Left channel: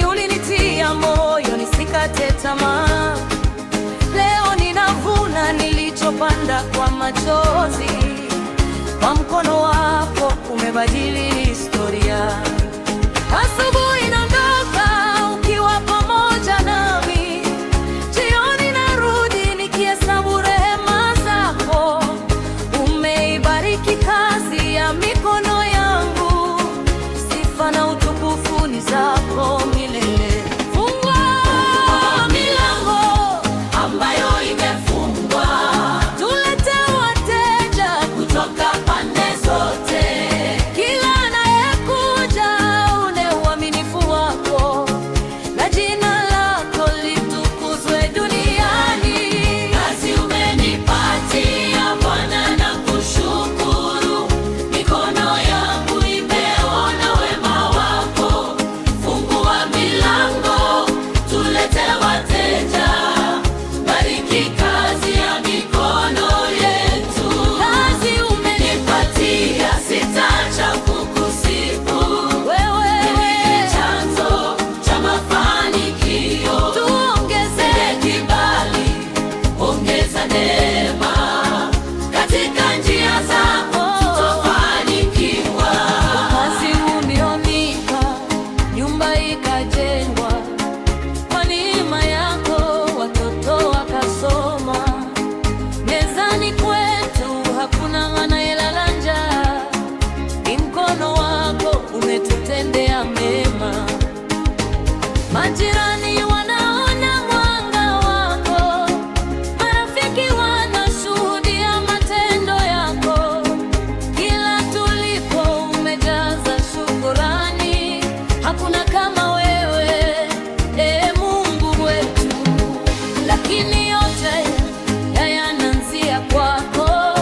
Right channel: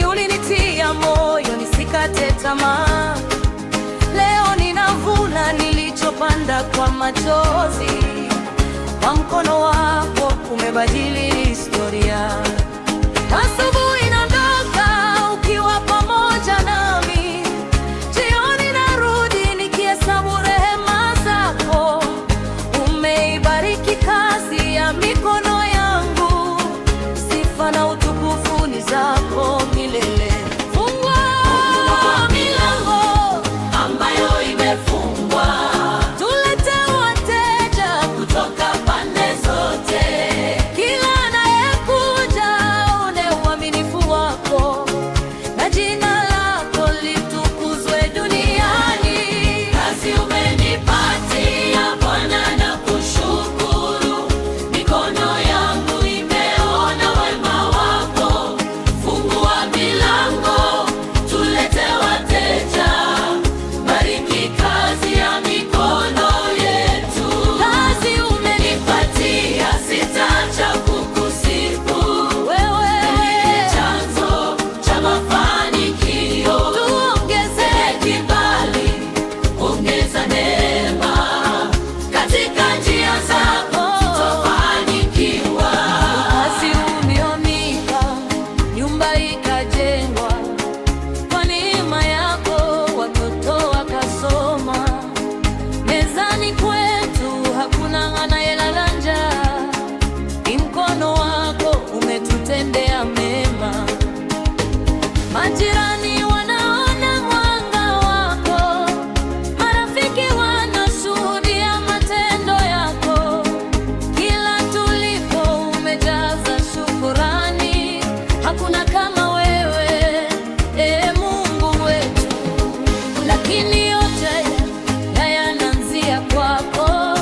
Mwanzoni ulinitia moyo nisikate tamaa. Leo ninavuna nilichopanda kwa machozi. Kwa mkono wako umebadili historia. Asubuhi naondoka ukiwa pamoja nami, jioni narudi nikihesabu rehema zako. Umeibariki kazi ya mikono yangu, sifa na utukufu ni zako milele. Fungua milango ambayo imefungwa, tulete wateja kutoka pande zote. Kila anayekuja une uaminifu wako, na jina lako litukuzwe duniani. Kazi umenipatia Bwana na kushukuru, mikono yangu imeona wema wako. Fungua milango, tulete wateja, bariki kazi ya mikono yetu. Kazi umenipatia, sitaacha kukusifu. Wewe ni chanzo cha mafanikio. Tuongeze kibali, ongeza neema, katika njia zako tutafanikiwa. Kazi ulionipa, nyumba ikajengwa, kwa neema yako watoto wakasoma. Mezani kwetu hakuna anayelala njaa, ni mkono wako umetutendea mema. Majirani wanaona mwanga wako, marafiki wanashuhudia matendo yako. Kila tulipo umejaza shukurani, hakuna kama wewe, Mungu wetu. Lakini yote yanaanzia kwako.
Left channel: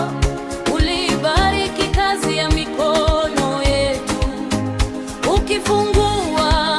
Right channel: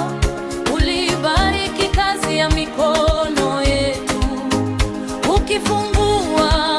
Ulibariki kazi ya mikono yetu, ukifungua